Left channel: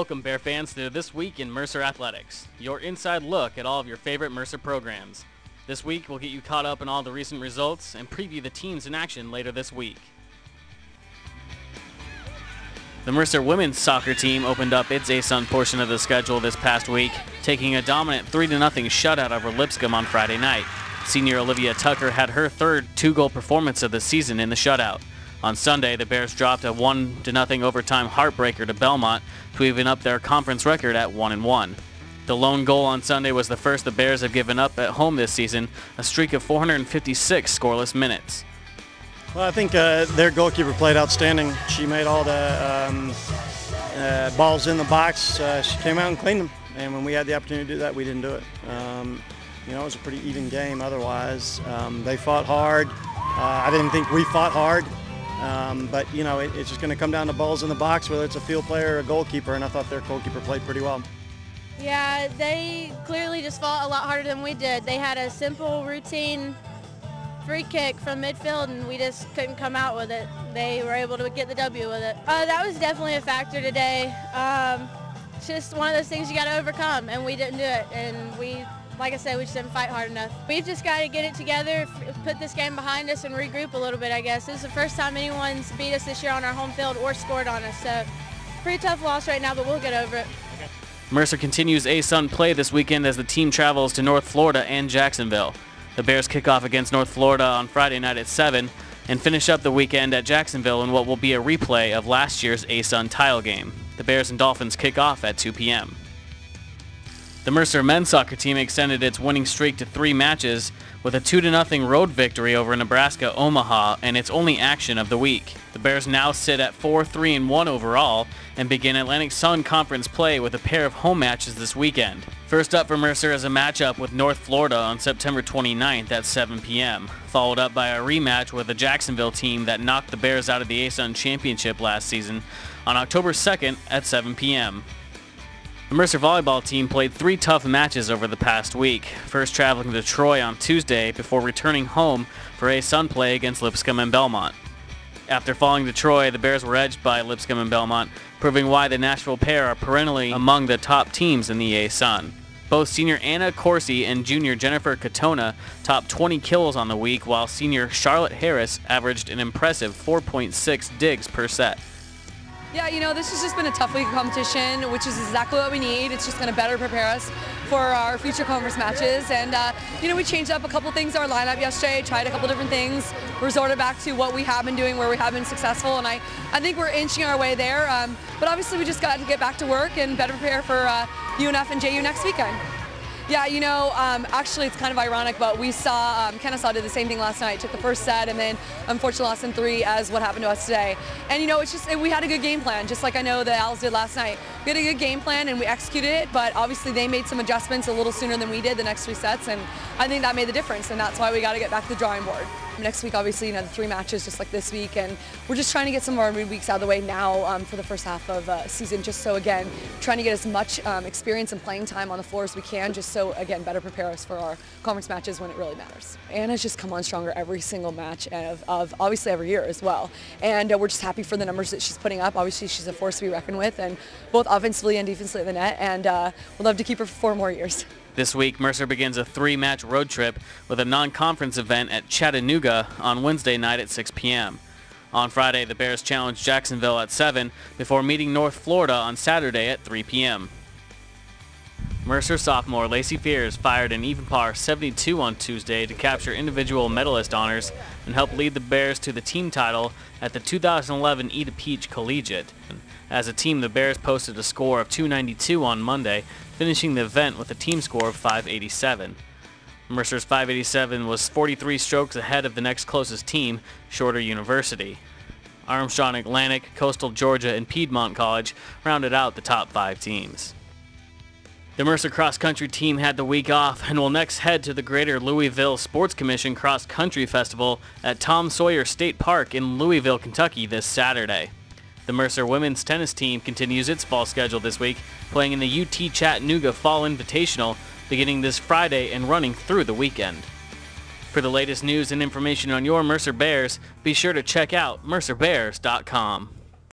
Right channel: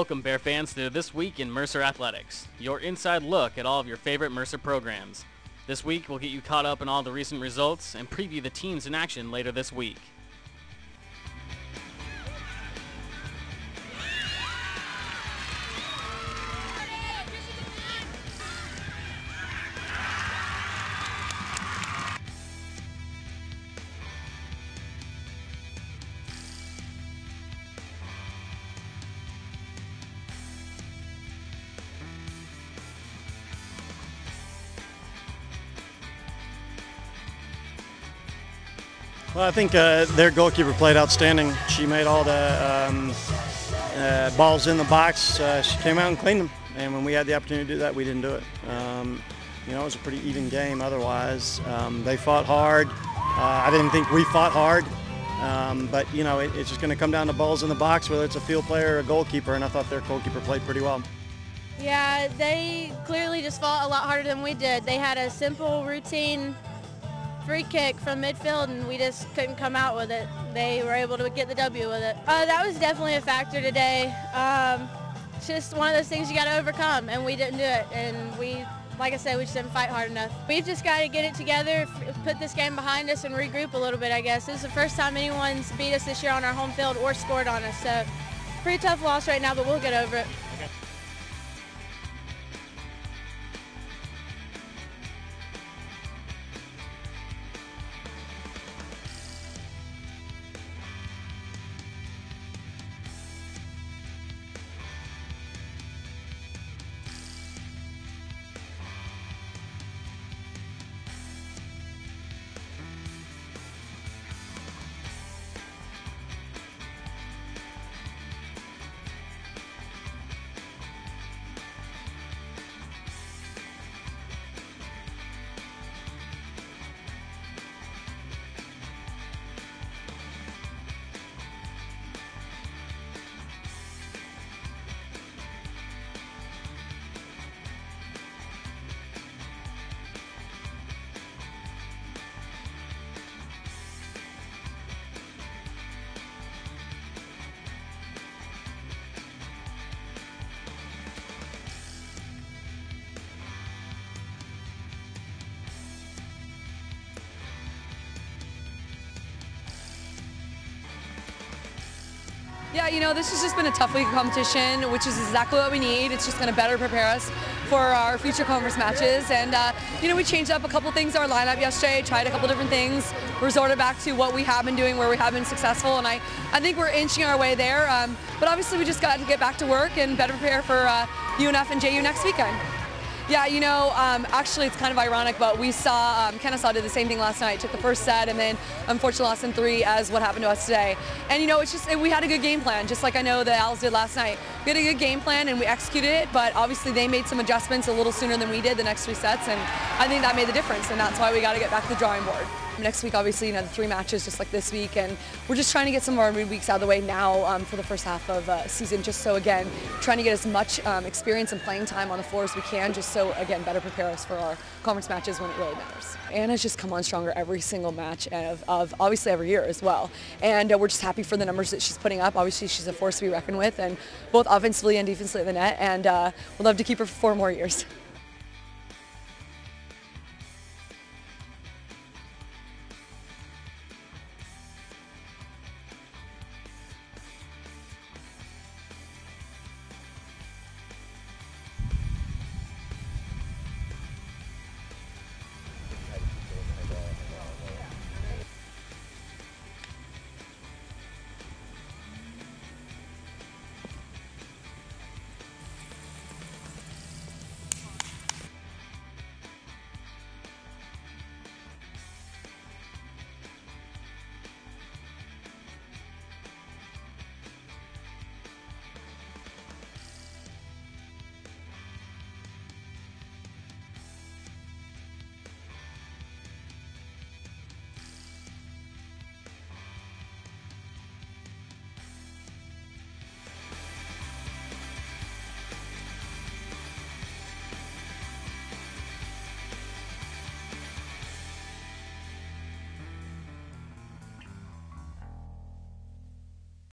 Welcome, Bear fans, to This Week in Mercer Athletics, your inside look at all of your favorite Mercer programs. This week, we'll get you caught up on all the recent results and preview the teams in action later this week. The Mercer women's soccer team opened up its ASUN portion of the schedule this past week, taking a dominant 3-0 shutout over Lipscomb on Friday night. Senior Olivia Tucker had her third two-goal performance of the season in the shutout. On Sunday, the Bears dropped a 1-0 overtime heartbreaker to Belmont to even up their conference record at 1-1. The lone goal on Sunday was the first the Bears have given up at home this season, a streak of 456 scoreless minutes. Well, I think their goalkeeper played outstanding. She made all the balls in the box. She came out and cleaned them, and when we had the opportunity to do that, we didn't do it. It was a pretty even game otherwise. They fought hard. I didn't think we fought hard, but it's just going to come down to balls in the box, whether it's a field player or a goalkeeper, and I thought their goalkeeper played pretty well. Yeah, they clearly just fought a lot harder than we did. They had a simple routine free kick from midfield, and we just couldn't come out with it. They were able to get the W with it. That was definitely a factor today. It's just one of those things you got to overcome, and we didn't do it. And like I said, we just didn't fight hard enough. We've just got to get it together, put this game behind us, and regroup a little bit, I guess. This is the first time anyone's beat us this year on our home field or scored on us, so pretty tough loss right now, but we'll get over it. Mercer continues ASUN play this weekend as the team travels to North Florida and Jacksonville. The Bears kick off against North Florida on Friday night at 7 and finish up the weekend at Jacksonville in what will be a replay of last year's ASUN title game. The Bears and Dolphins kick off at 2 p.m. The Mercer men's soccer team extended its winning streak to 3 matches with a 2-0 road victory over Nebraska Omaha and its only action of the week. The Bears now sit at 4-3-1 overall and begin Atlantic Sun Conference play with a pair of home matches this weekend. First up for Mercer is a matchup with North Florida on September 29th at 7 p.m., followed up by a rematch with the Jacksonville team that knocked the Bears out of the ASUN Championship last season on October 2nd at 7 p.m. The Mercer volleyball team played 3 tough matches over the past week, first traveling to Troy on Tuesday before returning home for ASUN play against Lipscomb and Belmont. After falling to Troy, the Bears were edged by Lipscomb and Belmont, proving why the Nashville pair are perennially among the top teams in the ASUN. Both senior Anna Corsi and junior Jennifer Katona topped 20 kills on the week, while senior Charlotte Harris averaged an impressive 4.6 digs per set. Yeah, this has just been a tough week of competition, which is exactly what we need. It's just going to better prepare us for our future conference matches. And, we changed up a couple things in our lineup yesterday, tried a couple different things, resorted back to what we have been doing, where we have been successful, and I think we're inching our way there. But obviously we just got to get back to work and better prepare for UNF and JU next weekend. Yeah, actually it's kind of ironic, but we saw Kennesaw did the same thing last night, took the first set, and then unfortunately lost in 3 as what happened to us today. And it's just, we had a good game plan, just like I know the Owls did last night. We had a good game plan and we executed it, but obviously they made some adjustments a little sooner than we did the next 3 sets, and I think that made the difference, and that's why we got to get back to the drawing board. Next week, obviously, the 3 matches just like this week, and we're just trying to get some of our midweeks out of the way now for the first half of season, just so, again, trying to get as much experience and playing time on the floor as we can, just so, again, better prepare us for our conference matches when it really matters. Anna's just come on stronger every single match of obviously every year as well, and we're just happy for the numbers that she's putting up. Obviously, she's a force to be reckoned with, and both offensively and defensively at the net, and we'd love to keep her for 4 more years. This week, Mercer begins a 3-match road trip with a non-conference event at Chattanooga on Wednesday night at 6 p.m. On Friday, the Bears challenge Jacksonville at 7 before meeting North Florida on Saturday at 3 p.m. Mercer sophomore Lacey Fears fired an even par 72 on Tuesday to capture individual medalist honors and help lead the Bears to the team title at the 2011 Eda Peach Collegiate. As a team, the Bears posted a score of 292 on Monday, finishing the event with a team score of 587. Mercer's 587 was 43 strokes ahead of the next closest team, Shorter University. Armstrong Atlantic, Coastal Georgia, and Piedmont College rounded out the top 5 teams. The Mercer Cross Country team had the week off and will next head to the Greater Louisville Sports Commission Cross Country Festival at Tom Sawyer State Park in Louisville, Kentucky this Saturday. The Mercer women's tennis team continues its fall schedule this week, playing in the UT Chattanooga Fall Invitational beginning this Friday and running through the weekend. For the latest news and information on your Mercer Bears, be sure to check out mercerbears.com.